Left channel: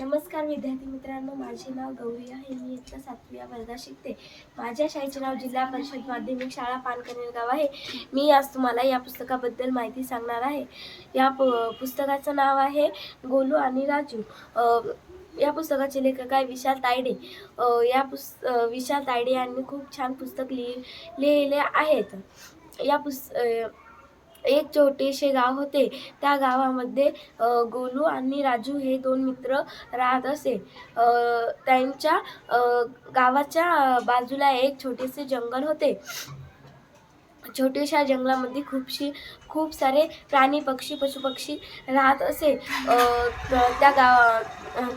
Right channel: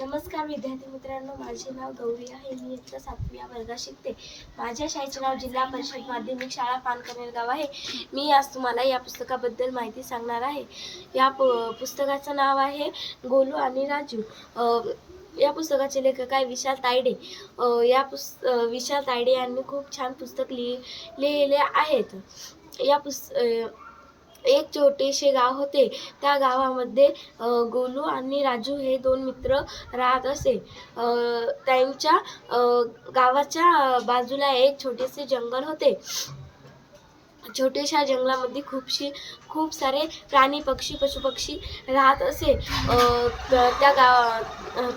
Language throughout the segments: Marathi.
नमस्कार विद्यार्थी मित्रांनो, माझे नाव गौरी आहे. मी इयत्ता 7व्या वर्गात शिकते. माझ्या शाळेचे नाव जिल्हा परिषद माध्यमिक शाळा पानकनेरगाव आहे. मी आज तुम्हाला या पुस्तकाबद्दल माहिती सांगणार आहे. या पुस्तकाचं नाव आहे गोलू आणि राजू. या पुस्तकाचे लेखक आहे विशाल तायडे. विशाल तायडे यांनी खूप छान पुस्तक लिहिले आहेत. एक छोटेसे गाव होते. त्या गावामध्ये गोलू आणि राजू हे दोन मित्र राहत असे. त्यांच्या गावाच्या बाजूला एक छोटेसे जंगल होते. छोट्याशा जंगलामध्ये खूप सारे प्राणी, पक्षी, पशुपक्षी राहत असे.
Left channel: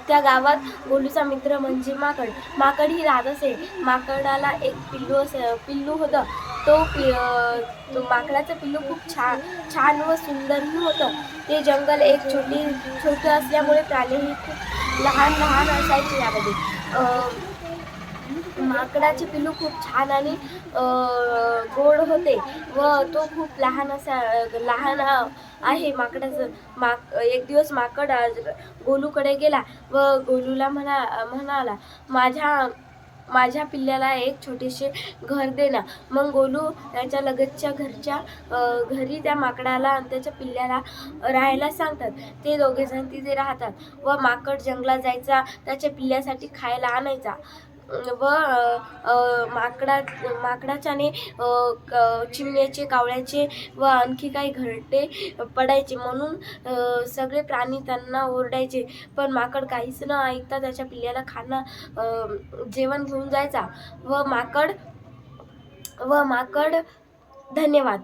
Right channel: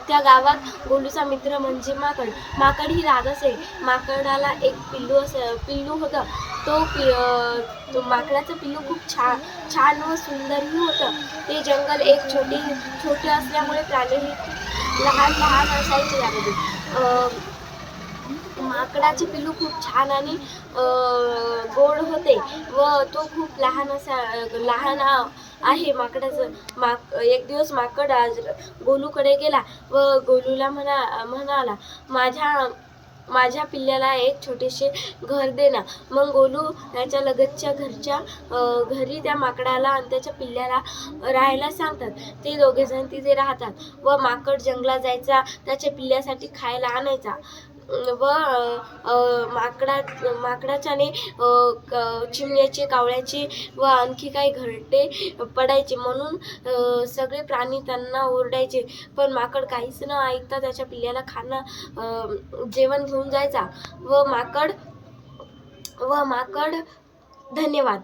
त्या गावात गोलूचा मित्र म्हणजे माकडही राहत असे. माकडाला एक पिल्लू होतं. तो माकडाचं पिल्लू खूप छान व सुंदरही होतं. ते जंगल एक छोटे असल्यामुळे प्राणीही खूप लहान असायचे. त्यामध्ये माकडाचे पिल्लू खूप छान आणि गोड होते व तो खूप लहान आहे. एक दिवस माकड गोलूकडे गेला व गोलूला म्हणाला, माझ्या पिल्ल्याला एक छोटेसे घर दे ना. मग गोलू त्याच्या लगतच्या घरी त्या माकडाला आणि त्याच्या पिल्ल्याला राहायला सांगतात. ते दोघेजण तिथे राहतात व माकड जंगलात जायचा, त्याच्या पिल्ल्यासाठी खायला आणायचा व माकडाच्याने चिमण्याचे, कावळ्याचे व आणखी काही घरटे पडायचे म्हणून सगळे प्राणी त्यांना ओरडायचे. पण माकड काहीच न ऐकता त्याच्या पिल्ल्याला जेवण घेऊन जायचा व माकड धन्यवाद.